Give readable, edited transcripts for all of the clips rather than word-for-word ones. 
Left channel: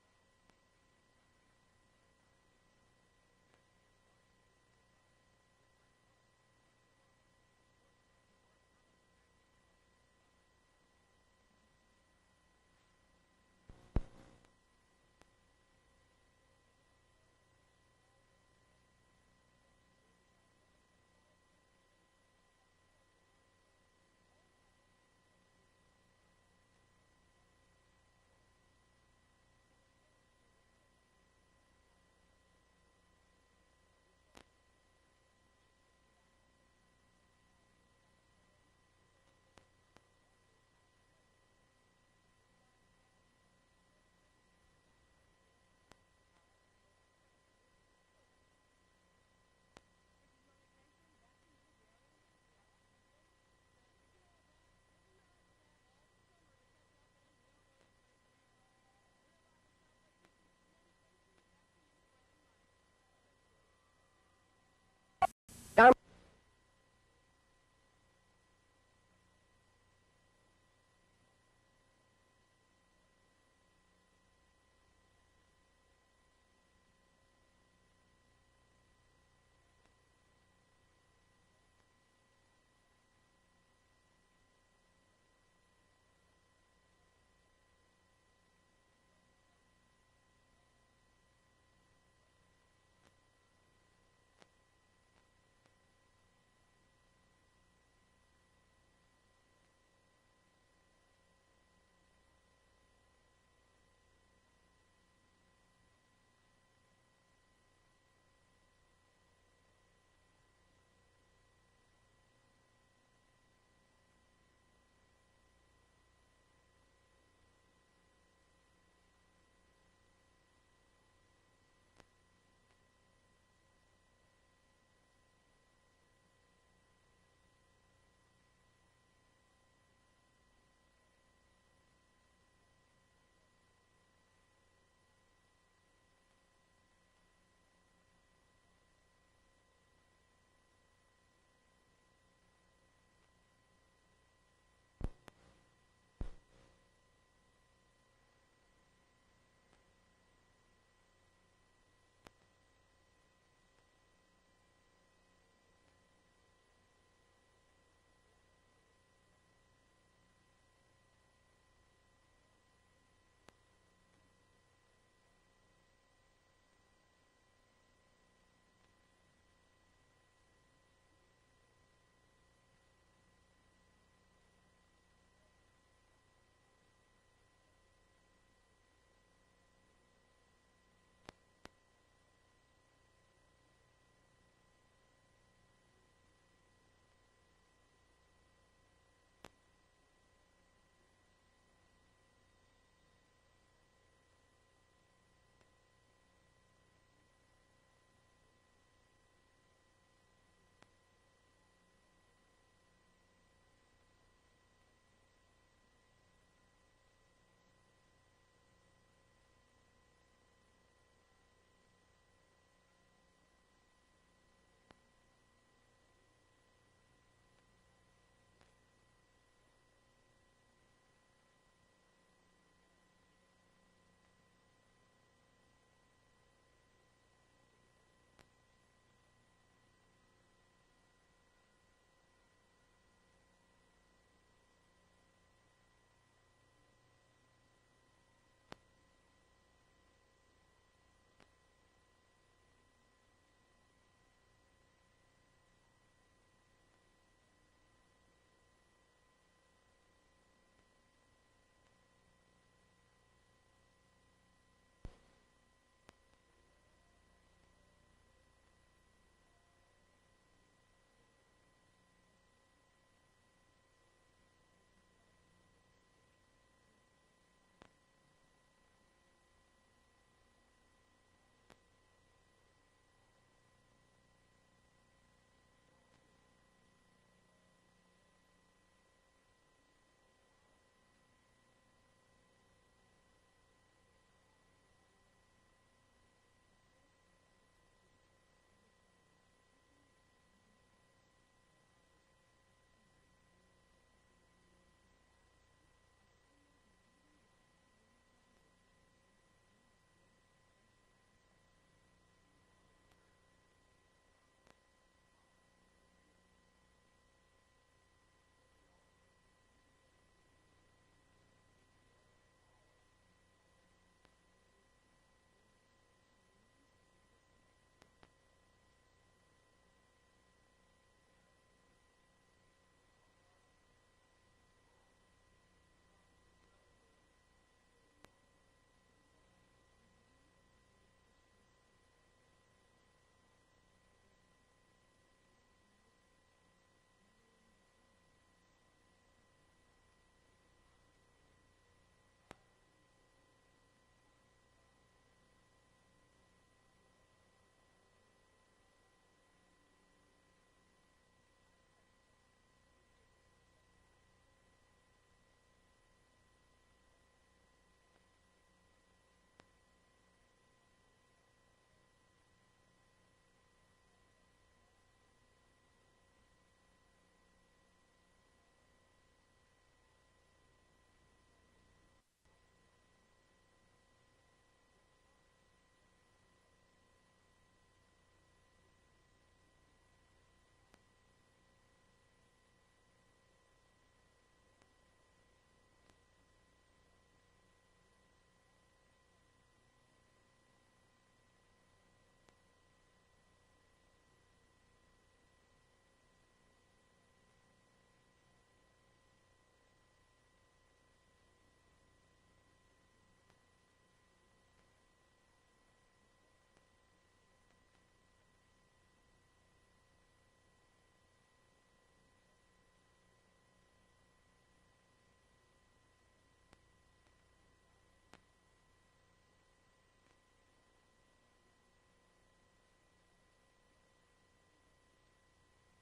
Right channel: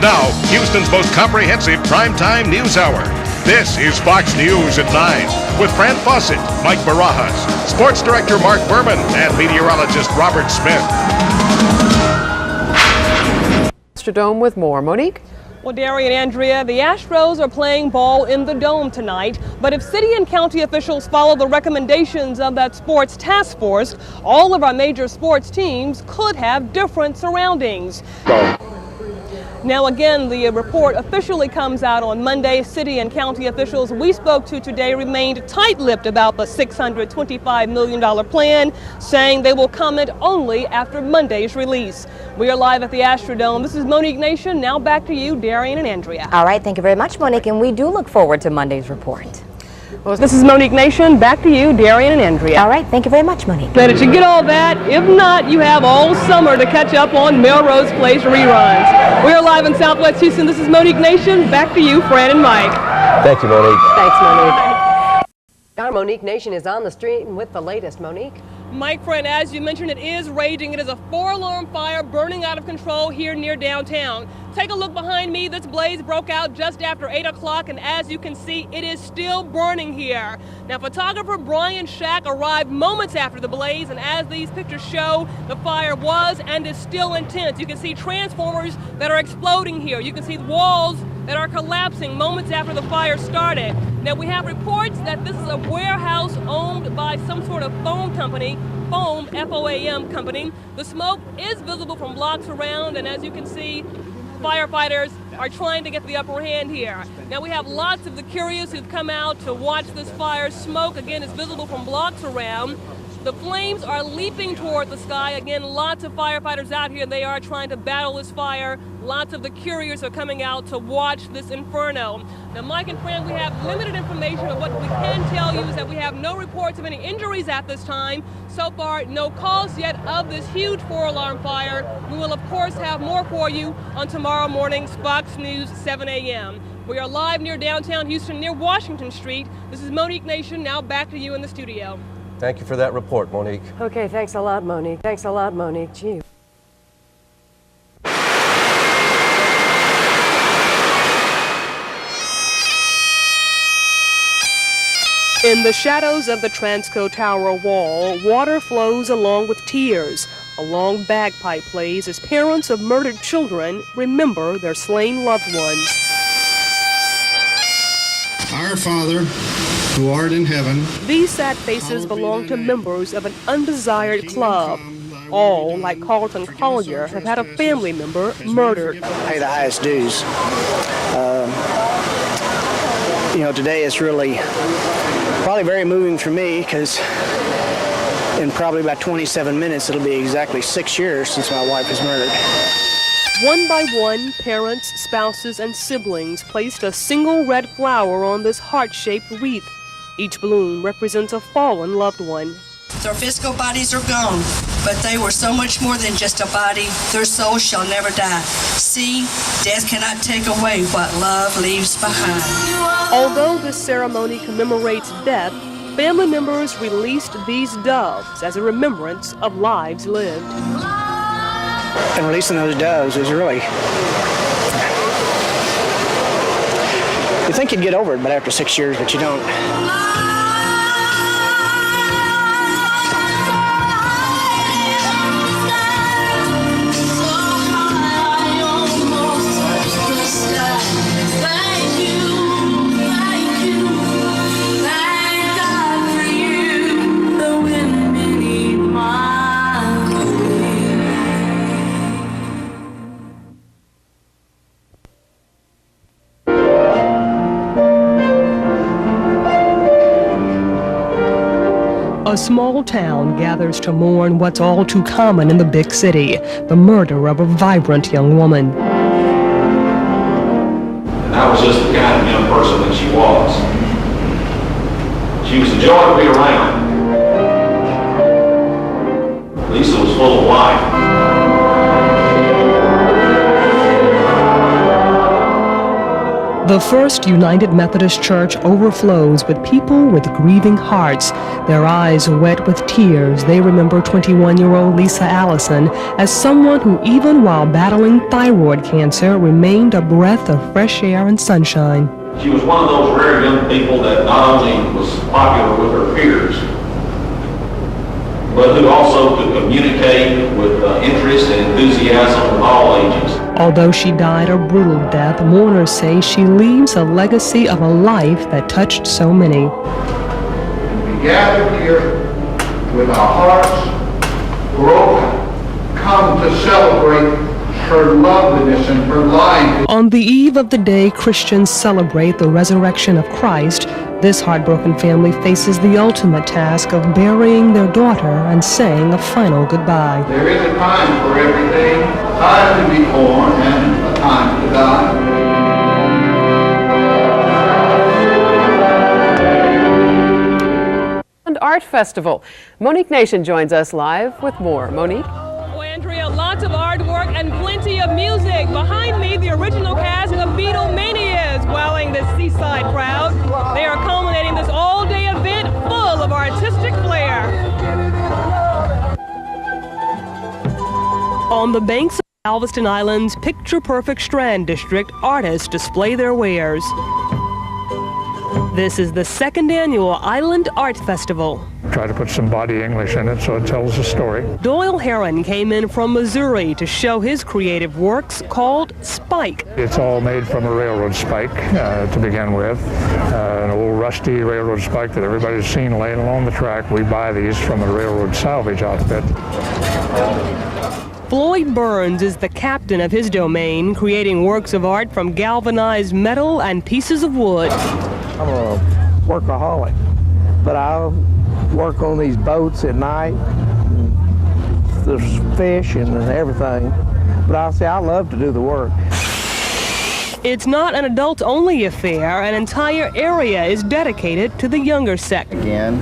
Now, Houston's most comprehensive primetime news hour. This is Fox News at 9 with Fran Fawcett, Mike Barajas, Sports Director Mark Berman, and meteorologist Robert Smith. Dome with more. Monique? Well, Darian and Andrea, the Astros are playing ball in the Dome tonight, but if city and county officials follow the recommendations of that sports task force, all of our major sports teams could have different surroundings. Now again, the report officially comes out on Monday. City and county officials we spoke to today remained tight-lipped about the $625 million plan, saying they will comment only after Monday's release. We are live at the Astrodome. This is Monique Nation. Now back to you, Darian and Andrea. All right, thank you very much, Monique, and we do look forward to Monday's report. Well, this is Monique Nation. Back to you, Darian and Andrea. All right, thank you very much, Monique. Glad that you get all that. If not, you have all summer to catch up on Melrose Place reruns. We are live in Southwest Houston. This is Monique Nation. Back to you, Fran and Mike. Thank you, Monique. Thanks, Monique. Our Monique Nation is on the street with the latest. Monique? Mike, Fran, as you mentioned, it is raging. It is a 4-alarm fire burning out of control here near downtown. Take a look behind me. This blaze broke out just after 8 o'clock, and as you can see, it is still burning here. Now, photographer Brian Shack arrived moments after the blaze, and as these pictures show, the fire was and is still intense. You can see transformers that are exploding here. You can see walls that are collapsing moments after the fire started. Now, we have reports that this is a warehouse owned by some sort of foam company, foam, F-O-A-M company. The smoke is visible from blocks around, and as you can see, firefighters are trying to get the upper hand here. Now, we have lots of the curious who've come out to watch this fire. Smoke, again, is visible from blocks around. The flames are leaping toward the sky. Again, lots of firefighters out here. They are trying to battle this fire. Lots of the curious are coming out to watch this inferno. Now, Mike and Fran, we have limited information, but what we can tell you is that we have no reports of any injuries at this time. So far, no calls yet of this huge 4-alarm fire. We will, of course, have more for you on tomorrow morning's Fox News 7 a.m. We are live near downtown Houston, near Washington Street. This is Monique Nation. Now back to you in the studio. Thank you for that report, Monique. Okay, thanks a lot, Monique. Thanks a lot, Monique. Gee. In the shadows of the Transco Tower wall, water flows along with tears. A long bagpipe plays as parents of murdered children remember their slain loved ones. Our Father, who art in heaven. These sad faces belong to members of an undesired club. All, like Carlton Collier, have had a family member murdered. Pay the highest dues. You know, today is really probably very moving for me because in probably about 27 minutes it'll be exactly 6 years since my wife was murdered. One by one, parents, spouses, and siblings placed a single red flower on this heart-shaped wreath. Each bloom represents a fallen loved one. Their physical bodies are gone, but they were so much more than just a body. Their souls shall never die. See, death cannot take away what love leaves behind. Although this ceremony commemorates death, family members released these doves as a remembrance of lives lived. And releasing those doves was really... You think you'd get over it, but after 6 years, but you don't. A small town gathers to mourn what's all too common in the big city, the murder of a vibrant young woman. And I was just the kind of young person that she was. She was a joy to be around. Lisa was full of life. The First United Methodist Church overflows with people with grieving hearts. Their eyes wet with tears, they remember 21-year-old Lisa Allison as someone who, even while battling thyroid cancer, remained a breath of fresh air and sunshine. She was one of those rare young people that not only was popular with her peers, but who also could communicate with interest and enthusiasm of all ages. Although she died a brutal death, mourners say she leaves a legacy of a life that touched so many. We gathered here with our hearts broken, come to celebrate her loveliness and her life. On the eve of the day Christians celebrate the resurrection of Christ, this heartbroken family faces the ultimate task of burying their daughter and saying a final goodbye. There is a time for everything, a time to be born and a time to die. And Art Festival. Monique Nation joins us live with more. Monique? Well, Andrea, lots of artwork and plenty of music. Behind me, the original cast of Beatlemania is wowing this seaside crowd. They are culminating this all-day event full of artistic flair. On the banks of Galveston Island's picture-perfect Strand District, artists display their wares. This is the second annual Island Art Festival. Try to put some body English in it so it tells a story. Doyle Heron came in from Missouri to show his creative works called Spike. It's all made from a railroad spike to begin with. An old rusty railroad spike that everybody's seen laying along the track. We buy these from a railroad salvage outfit. Floyd Burns is the captain of his domain, creating works of art from galvanized metal and pieces of wood. I'm a workaholic, but I work on these boats at night. There's fish and everything, but I love to do the work. It's not an adult-only affair. An entire area is dedicated to the younger sex. Again,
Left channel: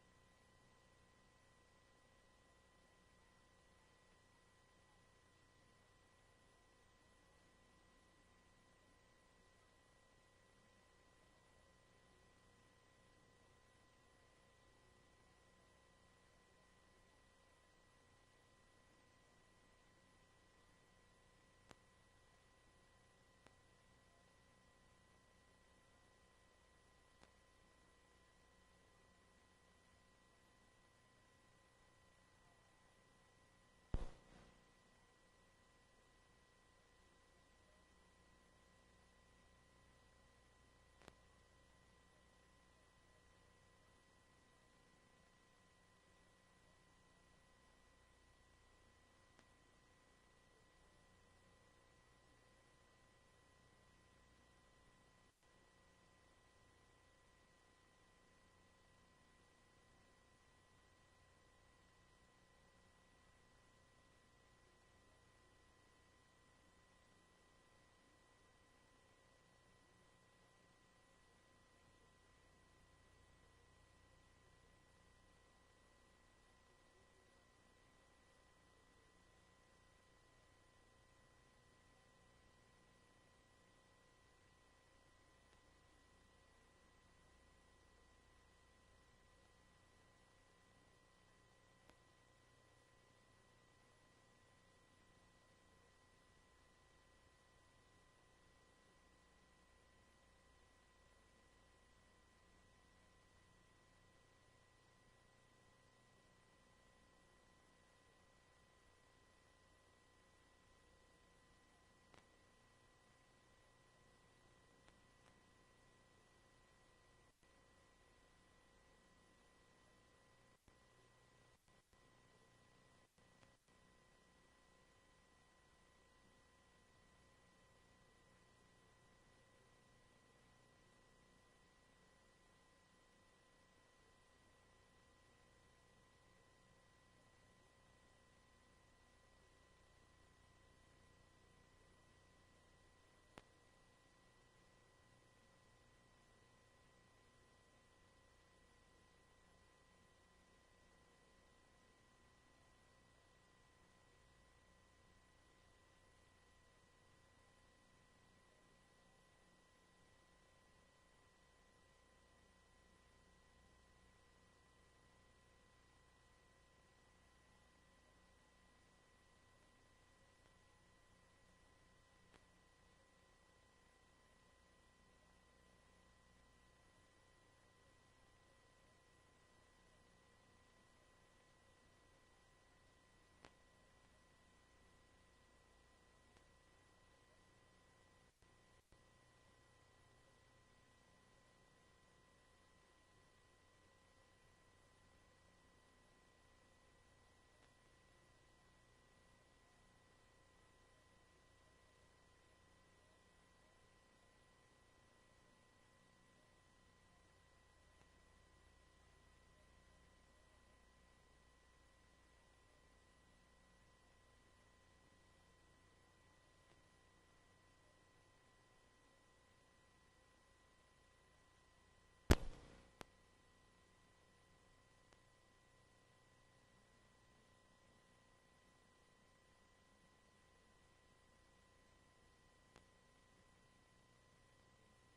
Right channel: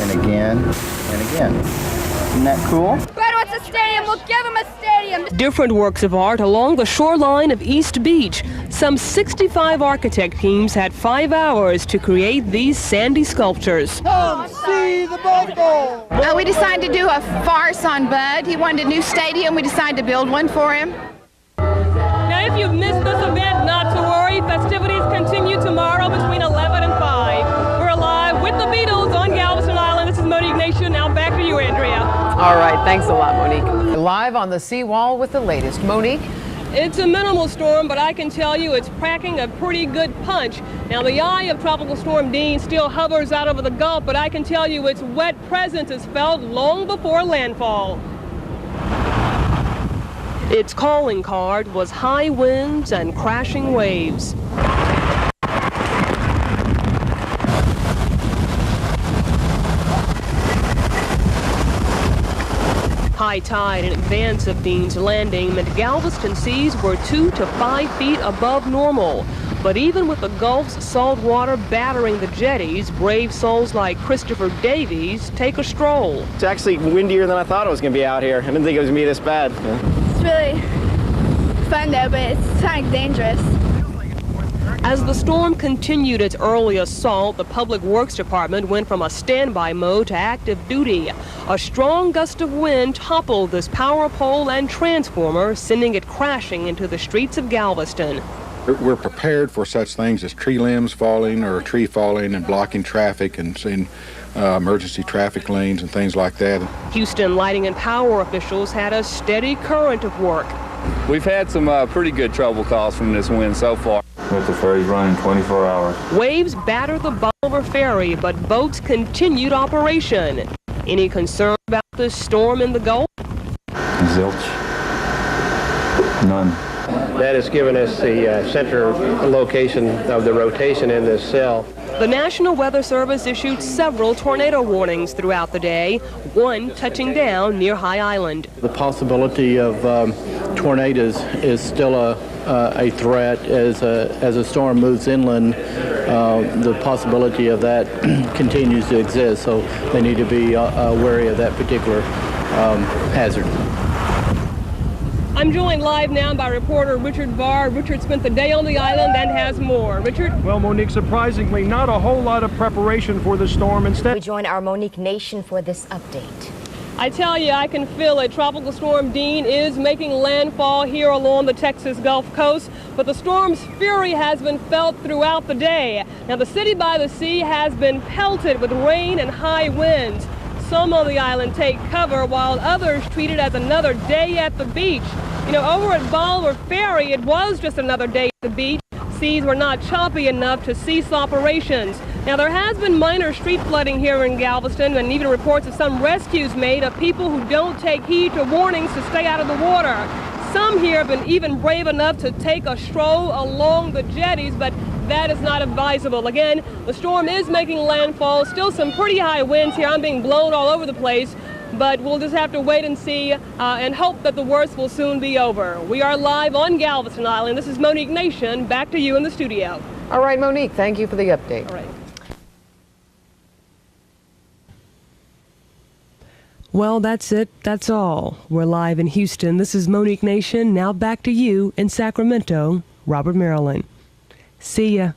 and again, and again. Isn't that cool? Brad wants a stadium, we'll give him a stadium. Different works of art along the shoreline of East Beach. Some 65 architect teams had 5 hours to create these sandy sculptures. Come see the bubble. We decided to do a farce on Bud. He wanted a new stadium. We decided to build one for him. Now, if you've missed this event, not to worry. Festivities continue tomorrow between 11 and 5. We're live with the Beatles on Galveston Island. This is Monique Nation. Now back to you, Andrea. All right, thanks a lot, Monique. Live on the seawall with the latest. Monique? It's a minimal storm, but I can tell you it's packing a pretty good punch. Now, the eye of Tropical Storm Dean still hovers out over the Gulf, but I can tell you its wet presence is felt long before landfall. Its calling card was high winds and crashing waves. High tide in advance of Dean's landing meant Galveston seas were 2 to 5 feet above normal. But even with the Gulf's salt water battering the jetties, brave souls like Christopher Davies take a stroll. It's actually windier than I thought it was going to be out here. I didn't think it was going to be this bad. It's really fun though, but it's kind of dangerous. As the storm continued its early assault, the Public Works Department went from a standby mode to active duty. A strong gust of wind toppled this power pole and transformer, sending it crashing into the streets of Galveston. We're prepared for such things as tree limbs falling or a tree falling and blocking traffic and seeing emergency traffic lanes and things like that. Houston Lighting and Power officials had a steady current of work. We've had some pretty good trouble calls from this wind so far. With the ferries running 24 hours. Waves battered the Bolivar Ferry, but boats continued operation. Any concern about this storm in the Gulf? Zilch. None. That has given us the center location of the rotation in this cell. The National Weather Service issued several tornado warnings throughout the day, one touching down near High Island. The possibility of tornadoes is still a threat as a storm moves inland. The possibility of that continues to exist, so they need to be wary of that particular hazard. I'm joined live now by reporter Richard Barr. Richard spent the day on the island and has more. Richard? Well, Monique, surprisingly, not a whole lot of preparation for the storm. Instead, we join our Monique Nation for this update. I tell you, I can feel it. Tropical Storm Dean is making landfall here along the Texas Gulf Coast, but the storm's fury has been felt throughout the day. Now, the city by the sea has been pelted with rain and high winds. Some on the island take cover, while others treat it as another day at the beach. You know, over at Bolivar Ferry, it was just another day at the beach. Seas were not choppy enough to cease operations. Now, there has been minor street flooding here in Galveston, and even reports of some rescues made of people who don't take heed to warnings to stay out of the water. Some here have been even brave enough to take a stroll along the jetties, but that is not advisable. Again, the storm is making landfall. Still some pretty high winds here. I'm being blown all over the place, but we'll just have to wait and see and hope that the worst will soon be over. We are live on Galveston Island. This is Monique Nation. Back to you in the studio. All right, Monique, thank you for the update. All right. Well, that's it. That's all. We're live in Houston. This is Monique Nation. Now back to you in Sacramento, Robert, Maryland. See ya.